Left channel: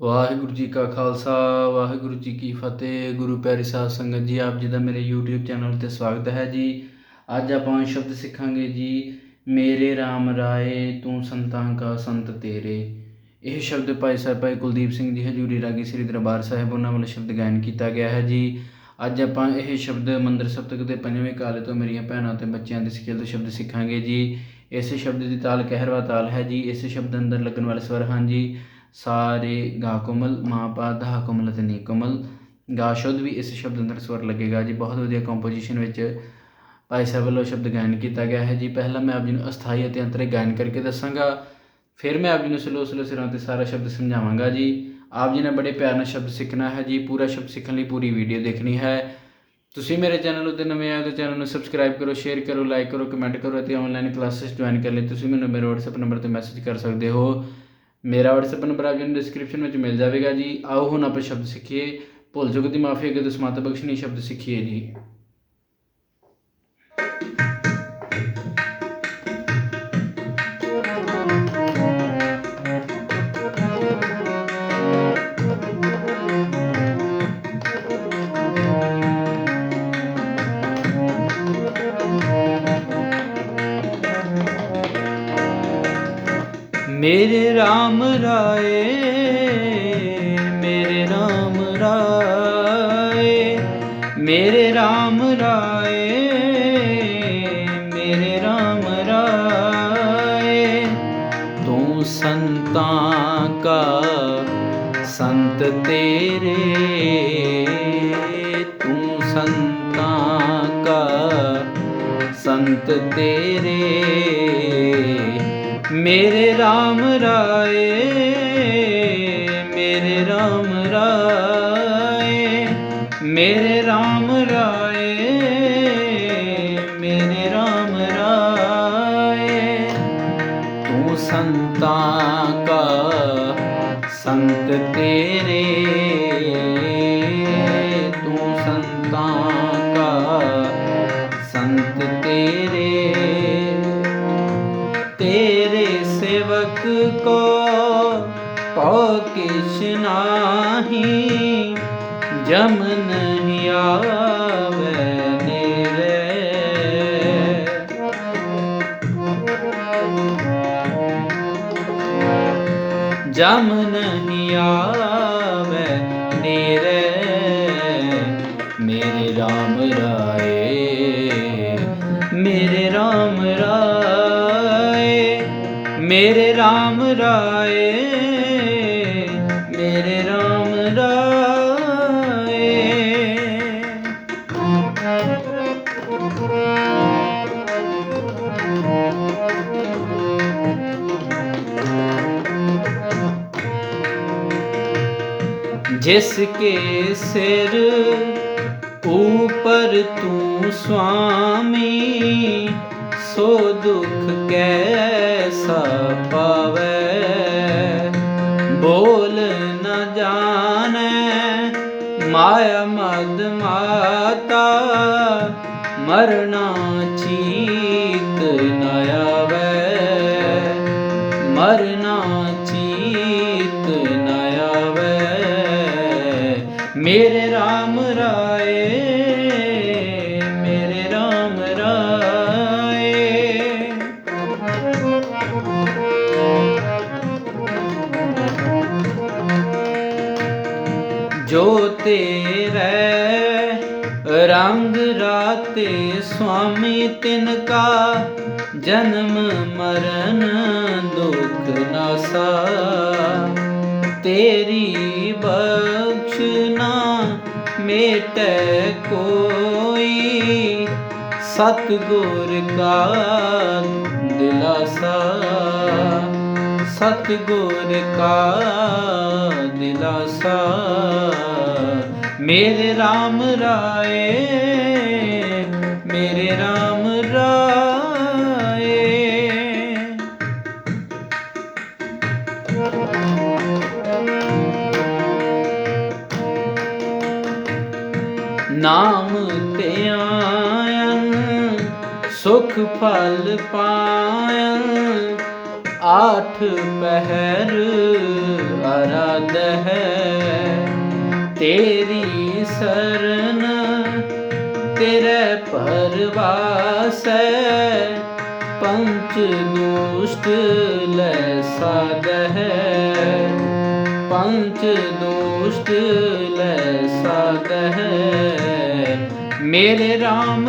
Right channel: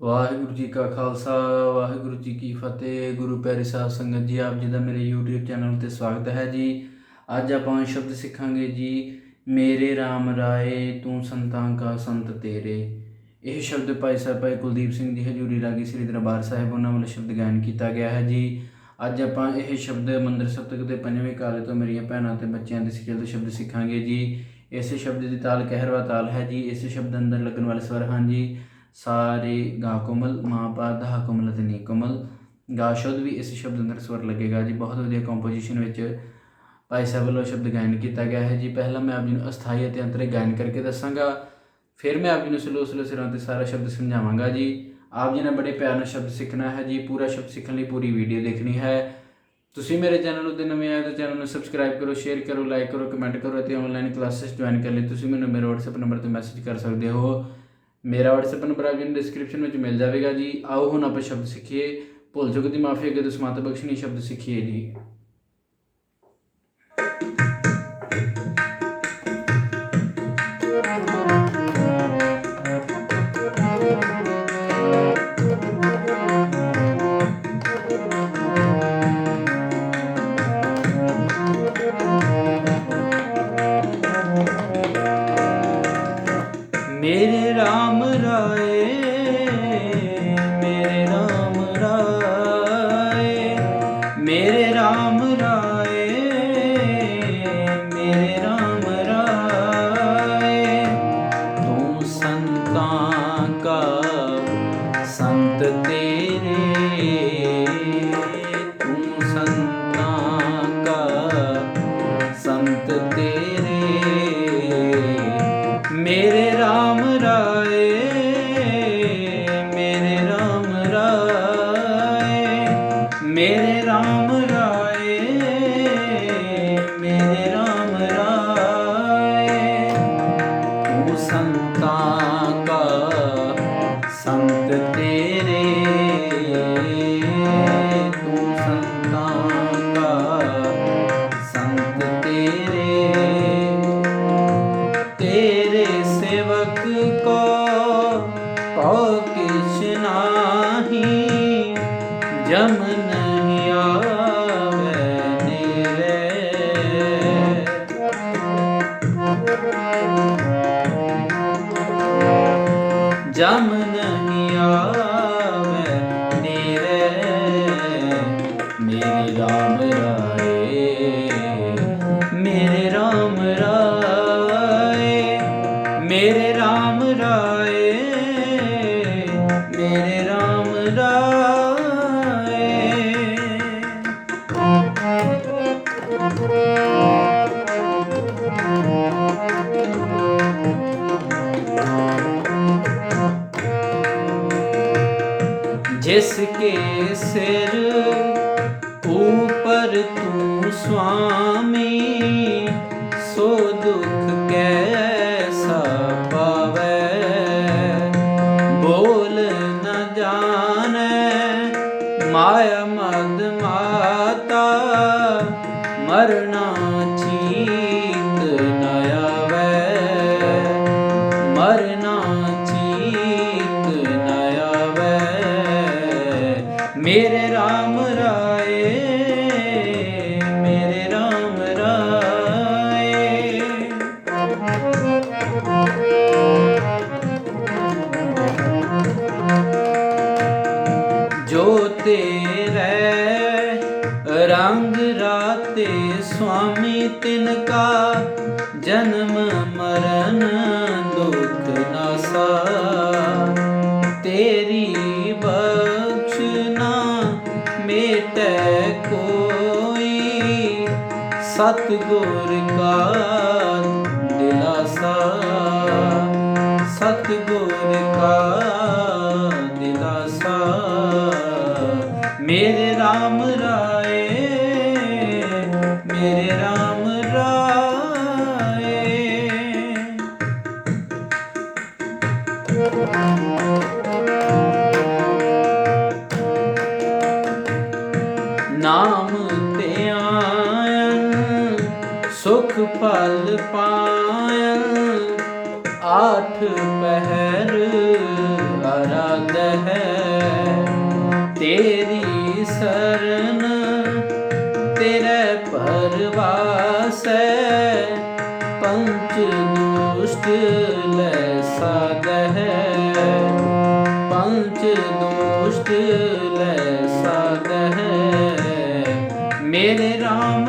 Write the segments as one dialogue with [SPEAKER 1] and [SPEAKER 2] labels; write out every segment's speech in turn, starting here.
[SPEAKER 1] ਵਾਹਿਗੁਰੂ ਜੀ ਕਾ ਖਾਲਸਾ, ਵਾਹਿਗੁਰੂ ਜੀ ਕੀ ਫਤਿਹ। ਗੁਰੂ ਪਿਆਰੀ ਸਾਹਿਬ ਸੰਗਤ ਜੀ, ਆਪ ਜੀ ਦਾ ਮੇਰੇ YouTube ਚੈਨਲ ਤੇ ਸਵਾਗਤ ਹੈ ਜੀ। ਅੱਜ ਆਪਾਂ ਸ਼ਬਦ ਸਿੱਖਾਂਗੇ ਜੀ, ਮੇਰੇ RAM ਰਾਏ, ਤੂੰ ਸੰਤਾਂ ਕਾ ਸੰਤ ਤੇਰੇ। ਇਹ ਸ਼ਬਦ ਭਾਈ ਸਾਹਿਬ, ਭਾਈ ਕੁਲਦੀਪ ਸਿੰਘ ਜੀ ਹਜੂਰੀ ਰਾਗੀ ਸ੍ਰੀ ਦਰਬਾਰ ਸਾਹਿਬ ਉਹਨਾਂ ਵੱਲੋਂ ਸ਼ਬਦ ਗਾਇਨ ਕੀਤਾ ਗਿਆ ਹੈ ਜੀ। ਅੱਜ ਆਪਾਂ ਇਹ ਸ਼ਬਦ ਮੰਦਰ ਸਪਤਕ ਦੇ ਪੰਜਵੇਂ ਕਾਲੇ ਤੋਂ ਮੇਰੀਆਂ ਭੈਣਾਂ ਤੇ ਬੱਚਿਆਂ ਦੇ ਸਿੱਖੇ ਤੋਂ ਸ਼ਬਦ ਸਿੱਖਾਂਗੇ ਜੀ। ਇਸ ਸ਼ਬਦ ਦੀ ਤਾਲ ਕਹਿਰਵਾ ਤਾਲ ਹੈ ਜੀ। ਇਸ ਸ਼ਬਦ ਅੰਦਰ ਲੱਗਣ ਵਾਲੇ ਸਵਰ ਹਨ ਜੀ ਸਾਰੇ ਗਾ ਕੋਮਲ, ਮਾਂ ਪਾ ਧਾ ਕੋਮਲ ਅਤੇ ਨੀ ਕੋਮਲ। ਗਾ ਸ਼ੁੱਧ ਵੀ ਇਸ ਸ਼ਬਦ ਅੰਦਰ ਸਵਰ ਲੱਗੇਗਾ ਜੀ। ਬਹੁਤ ਵਧੀਆ ਕੰਪੋਜੀਸ਼ਨ ਵਿੱਚ ਭਾਈ ਸਾਹਿਬ ਵੱਲੋਂ ਸ਼ਬਦ ਗਾਇਨ ਕੀਤਾ ਗਿਆ ਹੈ ਜੀ। ਪਹਿਲਾਂ ਮੈਂ ਆਪ ਜੀ ਨੂੰ ਅਸਥਾਈ ਅਤੇ ਅੰਤਰੇ ਗਾਇਨ ਕਰਕੇ ਦੱਸਾਂਗਾ। ਫਿਰ ਮੈਂ ਆਪ ਜੀ ਨੂੰ ਸਲੋ ਸਲੋ ਸਿਰਾਂ ਤੇ ਸਾਰਾ ਸ਼ਬਦ ਸਮਝਾਵਾਂਗਾ ਜੀ। ਆਪ ਜੀ ਨੇ ਬੜੇ ਪਿਆਰ ਨਾਲ ਸ਼ਬਦ ਸਿੱਖਣਾ ਹੈ ਜੀ। ਪੂਰਾ ਸ਼ਬਦ ਸਿੱਖਣ ਲਈ ਪੂਰੀ ਵੀਡੀਓ ਦੇਖਣੀ ਹੈ। ਤੁਸੀਂ ਮੇਰੇ ਚੈਨਲ ਉੱਤੇ ਨਵੇਂ ਆਏ ਤਾਂ ਚੈਨਲ ਨੂੰ ਸਬਸਕ੍ਰਾਈਬ ਕਰੋ ਸ਼ੇਅਰ ਕਰੋ ਲਾਈਕ ਕਰੋ ਕਮੈਂਟ ਕਰੋ ਅਤੇ ਆਨਲਾਈਨ ਕਲਾਸਿਸ ਜੁਆਇਨ ਕਰਨ ਲਈ ਤੁਸੀਂ ਮੈਨੂੰ ਮੇਰੇ WhatsApp ਨੰਬਰ ਤੇ ਮੈਸੇਜ ਕਰ ਸਕਦੇ ਹੋ। ਮੇਰਾ WhatsApp ਨੰਬਰ ਆਪ ਡਿਸਕ੍ਰਿਪਸ਼ਨ ਵਿੱਚ ਮਿਲ ਜਾਵੇਗਾ ਜੀ। ਆਓ ਹੁਣ ਆਪਾਂ ਸ਼ਬਦ ਸਿੱਖੀਏ। ਭੁੱਲ ਚੁੱਕ ਦੀ ਮਾਫੀ ਅੱਗੇ ਤੁਸੀਂ ਮਾਤਾ ਬਖਸ਼ਣੀ ਸ਼ਬਦ ਸਿੱਖੀਏ ਜੀ। ਮੇਰੇ RAM ਤੇਰੇ ਮੇਰੇ ਰਾਮ ਮੇਰੇ RAM ਰਾਏ। ਸਿਰ ਉਪਰ ਤੂੰ ਸੁਆਮੀ ਸੋ ਦੁਖ ਕੈਸਾ ਬੋਲ ਨ ਜਾਣੈ ਮਾਇਆ ਮੇਰੇ RAM ਰਾਏ, ਮੇਰੇ RAM ਰਾਏ। ਜੋ ਤੇਰੇ ਰੰਗ ਰਾਤੇ ਸੁਆਮੀ ਤਿਨ ਕਾ ਜਨਮ ਮਰਨ ਦੁਖ ਨਾਸਾ ਤੇਰੀ ਮੇਟੈ ਕੋਈ ਸਤਗੁਰ ਕਾ ਦਿਲਾਸਾ। ਸਤਗੁਰ ਕਾ ਦਿਲਾਸਾ। ਮੇਰੇ RAM ਰਾਏ ਮੇਰੇ RAM ਰਾਏ। ਸੁਖ ਫਲ ਪਾਣ, ਆਠ ਪਹਿਰ ਅਰਦ ਹੈ ਤੇਰੀ ਸਰਨ ਤੇਰੇ ਪਰਵਾਸੈ ਪੰਚ ਦੁਸ਼ਟ ਲੈ ਸਾਧ ਹੈ ਪੰਚ ਦੁਸ਼ਟ ਲੈ ਸਾਧ ਹੈ ਮੇਰੇ ਰਾਮ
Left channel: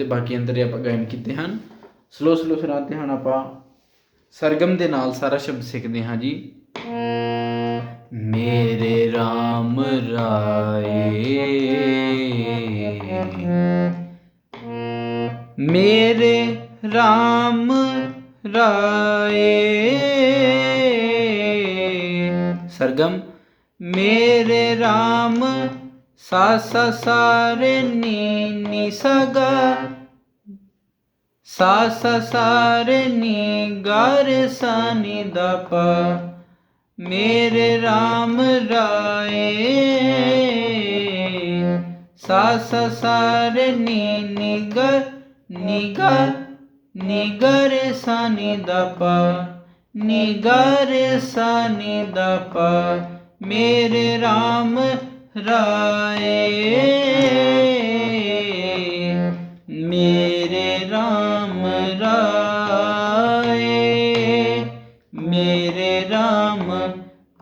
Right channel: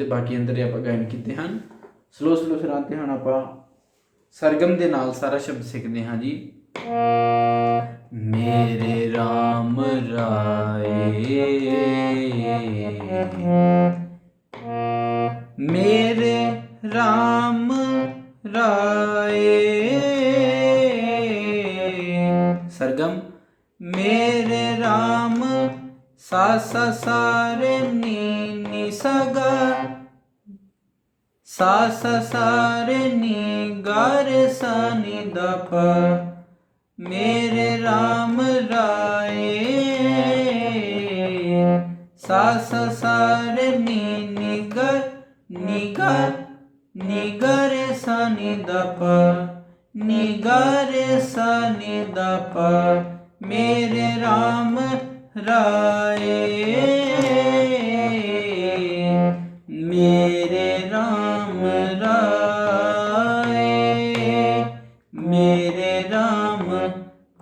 [SPEAKER 1] ਤੇ ਬਾਕੀ ਅੰਦਰ ਆਪਾਂ ਗਾਇਨ ਕੀਤੇ ਹਨ। ਸਲੋ ਸਲੋ ਸੁਣਾਤੇ ਹਨ ਆਪਾਂ। ਸਰਗਮ ਦੇ ਨਾਲ ਸਾਰਾ ਸ਼ਬਦ ਸਿੱਖਦੇ ਹਾਂ ਜੀ। ਮੇਰੇ RAM ਰਾਏ। ਮੇਰੇ RAM ਰਾਏ। ਸਰਗਮ, ਮੇਰੇ RAM ਸਾ ਸਾ ਸਾ ਨੀ। ਨੀ ਸਾ ਗਾ ਸਾ ਸਾ ਸਾ ਰੇ ਨੀ ਗਾ ਰੇ ਸਾ ਨੀ ਦਾ ਪਾ ਮੇਰੇ RAM ਰਾਏ। ਸਾ ਸਾ ਸਾ ਰੇ ਨੀ ਨੀ ਗਾ ਨੀ ਗਾ ਨੀ ਗਾ ਰੇ ਸਾ ਨੀ ਦਾ ਪਾ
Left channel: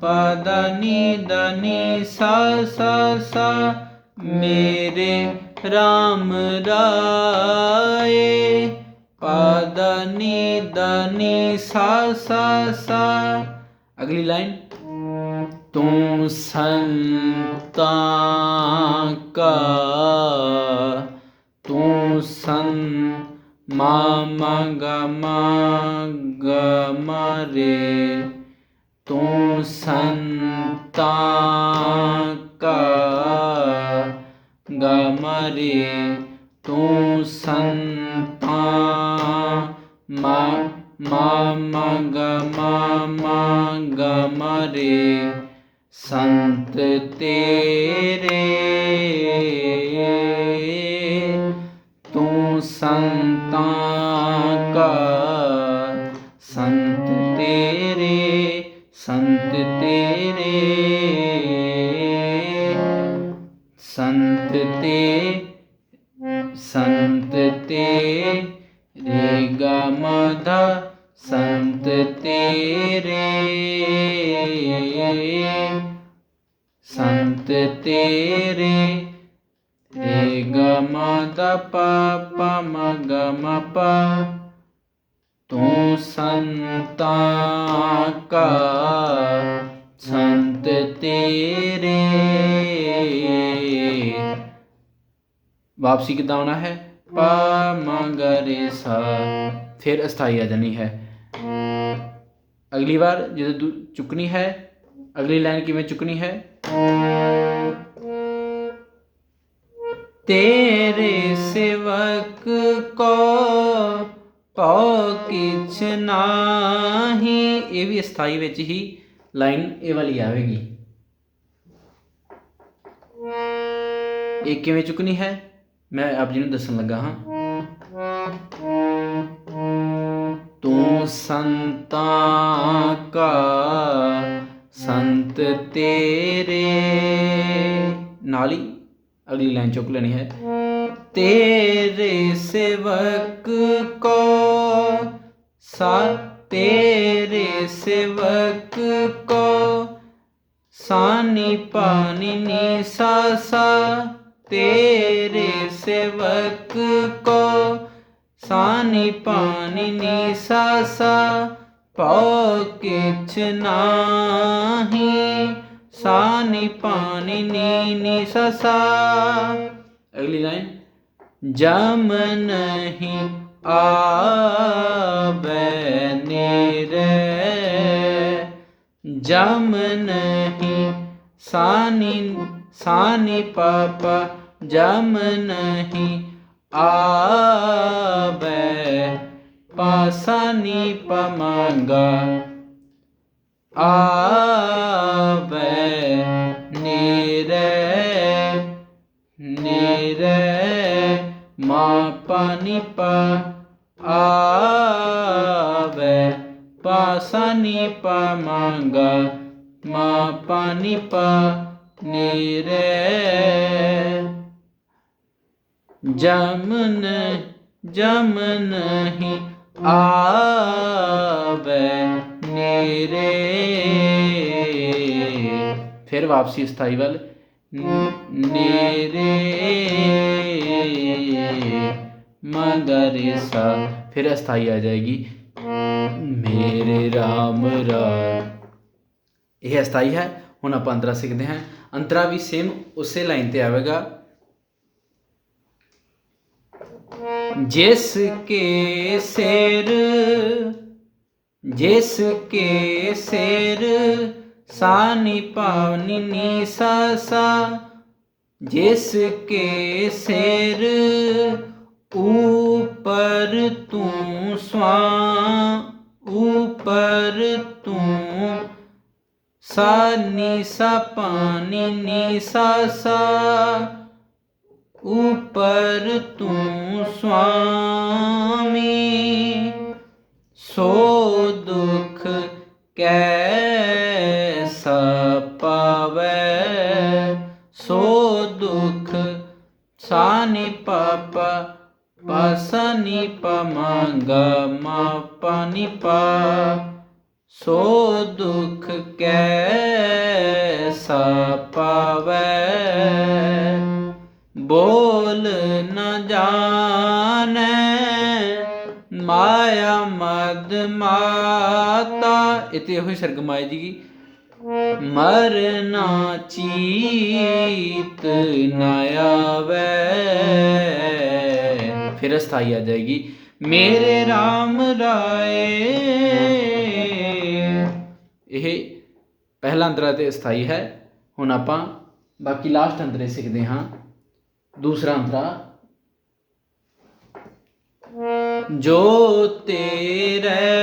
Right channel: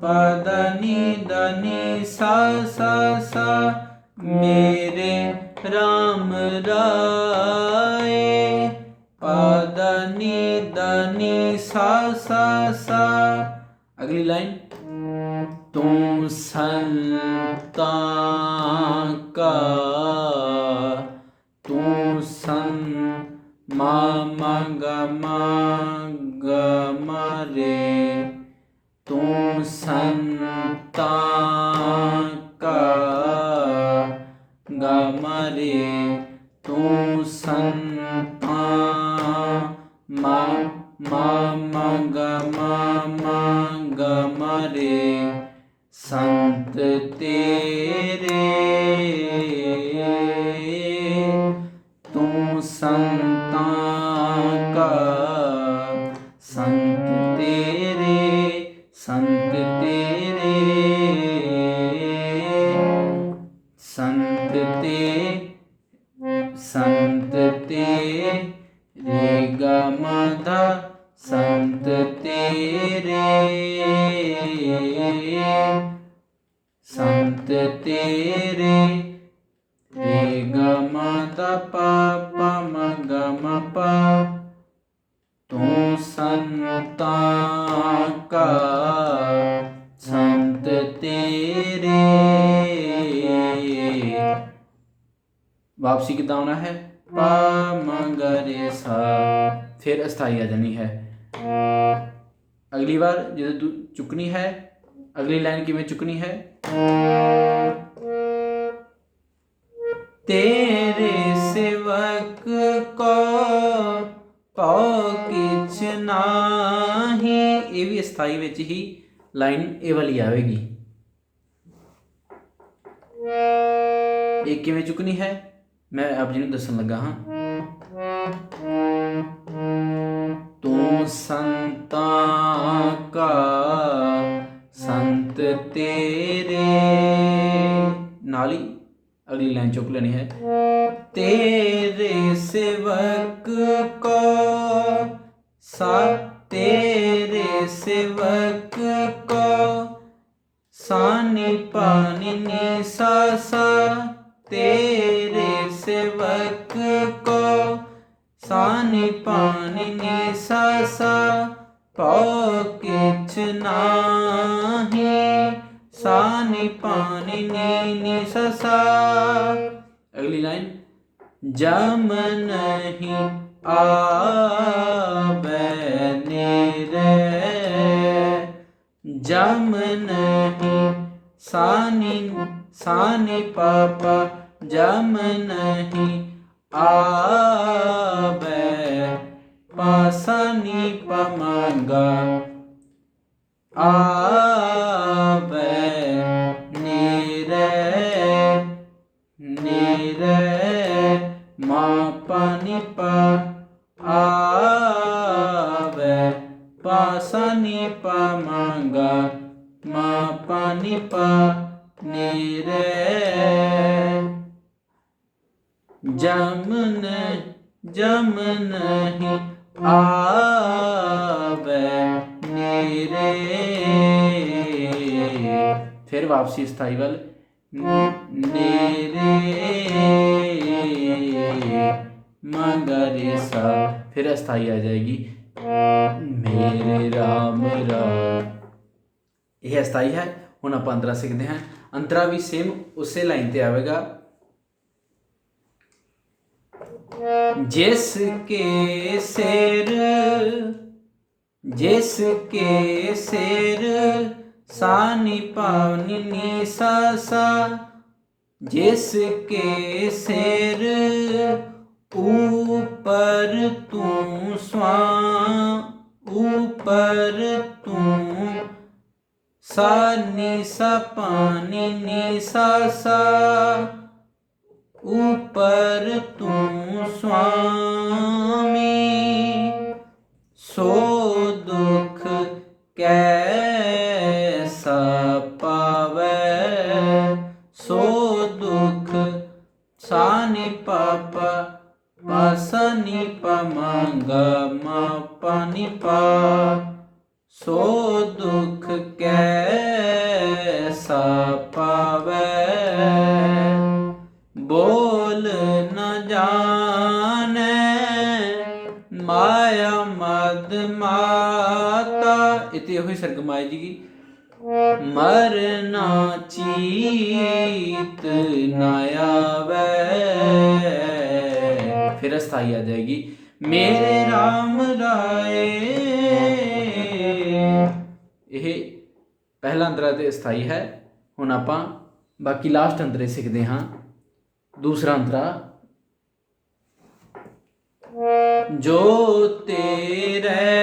[SPEAKER 1] ਪਦਨੀ ਦਨੀ ਸਾ ਸਾ ਸਾ ਮੇਰੇ RAM ਰਾਏ। ਪਦਨੀ ਦਨੀ ਸਾ ਸਾ ਸਾ। ਅਗਲੀ ਲਾਈਨ। ਤੂੰ ਸੰਤਾਂ ਕਾ। ਤੂੰ ਸੰ ਮਾ ਮਾ ਗਾ ਮਾ ਤੂੰ ਸੰਤਾਂ ਤੂੰ ਸੰਤਾਂ ਕਾ ਸੰਤ ਤੇਰੇ ਵਾਪਸੀ ਕਿੱਦਾਂ ਆਉਣਾ ਹੈ ਪ ਮ ਗ ਰੇ ਸਾ ਫਿਰ ਅਸਥਾਈ ਆ ਜਾਣੀ ਹੈ ਅਗਲੀ ਵਾਰ ਜਦੋਂ ਦੂ- ਚੁੱਕਣੀ ਹੈ ਅਗਲੀ ਲਾਈਨ ਕਿਵੇਂ ਚੁੱਕਣੀ ਹੈ ਕਿਛ ਨਾਹੀ। ਇਹ ਵੀ ਅਸਥਾਈ ਵਿੱਚ ਹੀ ਲਾਈਨ ਇਹ ਵਾਲੀ ਆਵੇਗੀ। ਇਹ ਕਿਵੇਂ ਚੁੱਕਣੀ ਹੈ? ਮੈਂ ਆਪ ਜੀ ਨੂੰ ਦੱਸਣ ਲੱਗਾ ਹਾਂ। ਤੂੰ ਸੰਤਾਂ ਕਾ ਸੰਤ ਤੇਰੇ। ਨਾਲ ਹੀ ਅਗਲੀ ਲਾਈਨ ਚੁੱਕ ਲੈਣੀ ਹੈ। ਤੇਰੇ ਸੇਵਕ ਤੇਰੇ ਸੇਵਕ ਕੋ ਸਾਨੀ ਪਾਨੀ ਨੀ ਸਾ ਸਾ ਤੇਰੇ ਸੇਵਕ ਕੋ ਸਾਨੀ ਪਾਨੀ ਨੀ ਸਾ ਸਾ ਪਉ ਕਿਛ ਨਾਹੀ ਸਾਨੀ ਪਾਨੀ ਨੀ ਨੀ ਸਾ ਸਾ ਅਗਲੀ ਲਾਈਨ ਜਮ ਨਹੀਂ ਆਵੇ ਸਾਨੀ ਸਾਨੀ ਪਾਪਾ ਜਮ ਨਹੀਂ ਆਵੇ, ਪਾਸਾਨੀ ਪਮੰਗਾ ਆਵੇ, ਨੀਰੇ ਨੀਰੇ ਮਾ ਪਾਨੀ ਪਾ ਆਵੇ ਪਾਸਾਨੀ ਪਮੰਗਾ ਮਾ ਪਾਨੀ ਪਾ ਨੀਰੇ ਜਮਨ ਜਮਨ ਹੀ ਆਵੇ ਮੇਰੇ ਫਿਰ ਵਾਪਸੀ ਸਥਾਈ ਵੱਲ ਮੇਰੇ ਮਗਰੇ ਸਾ ਫਿਰ ਅਸਥਾਈ ਆ ਜਾਏਗੀ ਮੇਰੇ ਰਾਮ ਰਾਮ। ਇਹ ਅਸਥਾਈ ਹੈ, ਹੁਣ ਆਪਾਂ ਅੰਤਰਾ ਸਿੱਖਦੇ ਹਾਂ। ਅੰਤਰਾ ਵੀ ਸੇਮ ਉਸੇ ਲਾਈਨ ਤੇ ਆਵੇਗਾ। ਜਿਸ ਕੇ ਸਿਰ, ਜਿਸ ਕੇ ਸਿਰ, ਸਾਨੀ ਪਾਵਨੀ ਨੀ ਸਾ ਸਾ। ਜਿਸ ਕੇ ਸਿਰ ਉਪਰ ਤੂੰ ਸਵਾ, ਉਪਰ ਤੂੰ ਸਾ ਸਾ ਪਾਨੀ ਨੀ ਸਾ ਸਾ। ਉਪਰ ਤੂੰ ਸੁਆਮੀ ਸੋ ਦੁਖ ਕੈ ਇੱਥੇ ਇਹੋ ਹੀ ਸਰਗਮ ਆਏ ਜੀ। ਮਰਨਾ ਚੀਤ ਨਾ ਆਵੇ। ਫਿਰ ਅਸਥਾਈ ਆ ਜਾਏਗੀ। ਮੇਰੇ RAM ਰਾਏ। ਇਹ ਪਹਿਲਾ ਅੰਤਰਾ ਤੇ ਅਸਥਾਈ ਹੈ। ਹੁਣ ਆਪਾਂ ਬਾਕੀ ਲਾਸਟ ਅੰਤਰੇ ਸਿੱਖਦੇ ਹਾਂ। ਦੂਸਰਾ ਅੰਤਰਾ। ਜੋ ਤੇਰੇ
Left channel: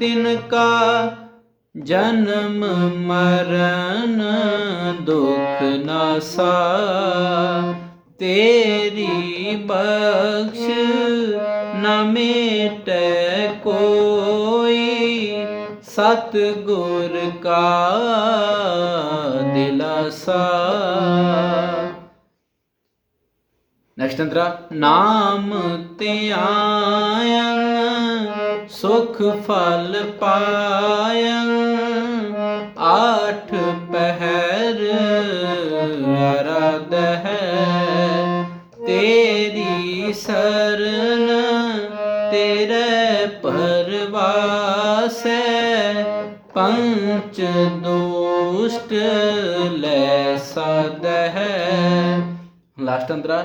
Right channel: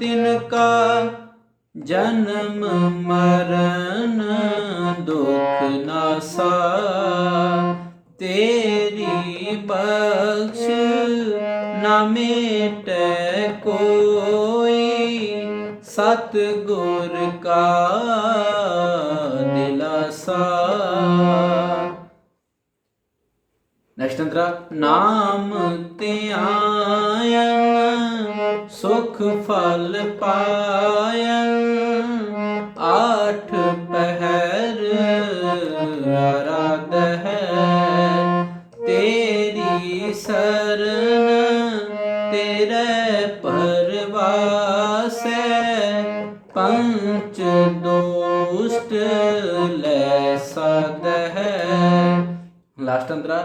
[SPEAKER 1] ਤਿਨ ਕਾ ਜਨਮ ਮਰਨ ਦੁਖ ਨਾਸਾ ਤੇਰੀ ਬਖਸ਼ ਨ ਮੇਟੈ ਕੋਈ। ਸਤ ਗੁਰ ਕਾ ਦਿਲਾਸਾ। ਨੈਕਸਟ ਅੰਤਰਾ, ਨਾਮ ਧਿਆਨ ਸੁਖ ਫਲ ਪਾਇਆ, ਆਠ ਪਹਿਰ ਅਰਦ ਹੈ, ਤੇਰੀ ਸਰਨ ਤੇਰੇ ਪਰਵਾਸੈ ਪੰਚ ਦੋਸ਼ਟ ਲੈ ਸਦ ਹੈ। ਲਾਸਟ ਅੰਤਰਾ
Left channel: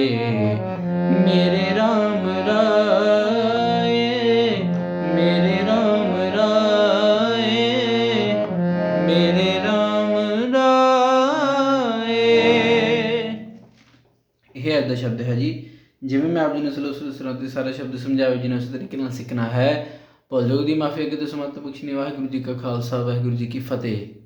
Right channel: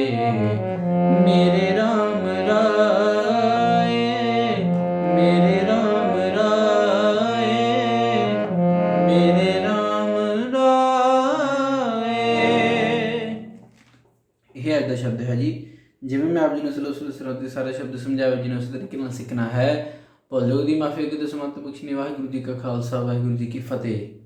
[SPEAKER 1] ਮੇਰੇ RAM ਰਾਏ, ਮੇਰੇ RAM ਰਾਏ, ਮੇਰੇ RAM ਰਾਏ। ਇਹ ਅੱਧਾ ਸ਼ਬਦ ਹੈ ਜੀ। ਜਿਵੇਂ ਮੈਂ ਆਪ ਜੀ ਨੂੰ ਸਲੋ ਸਲੋ ਸਰਦ ਦੇ ਸਾਰੇ ਸ਼ਬਦ ਸਮਝਾਏ ਜੀ ਨੇ ਉਸ ਤਰੀਕੇ ਨਾਲ ਸਿੱਖਣਾ ਹੈ। ਭੁੱਲ ਦੀ ਮਾਫੀ ਅੱਗੇ ਤੋਂ ਸਮਤ ਬਖਸ਼ਣੀ ਵਾਹਿਗੁਰੂ ਜੀ ਕਾ ਖਾਲਸਾ, ਵਾਹਿਗੁਰੂ ਜੀ ਕੀ ਫਤਿਹ।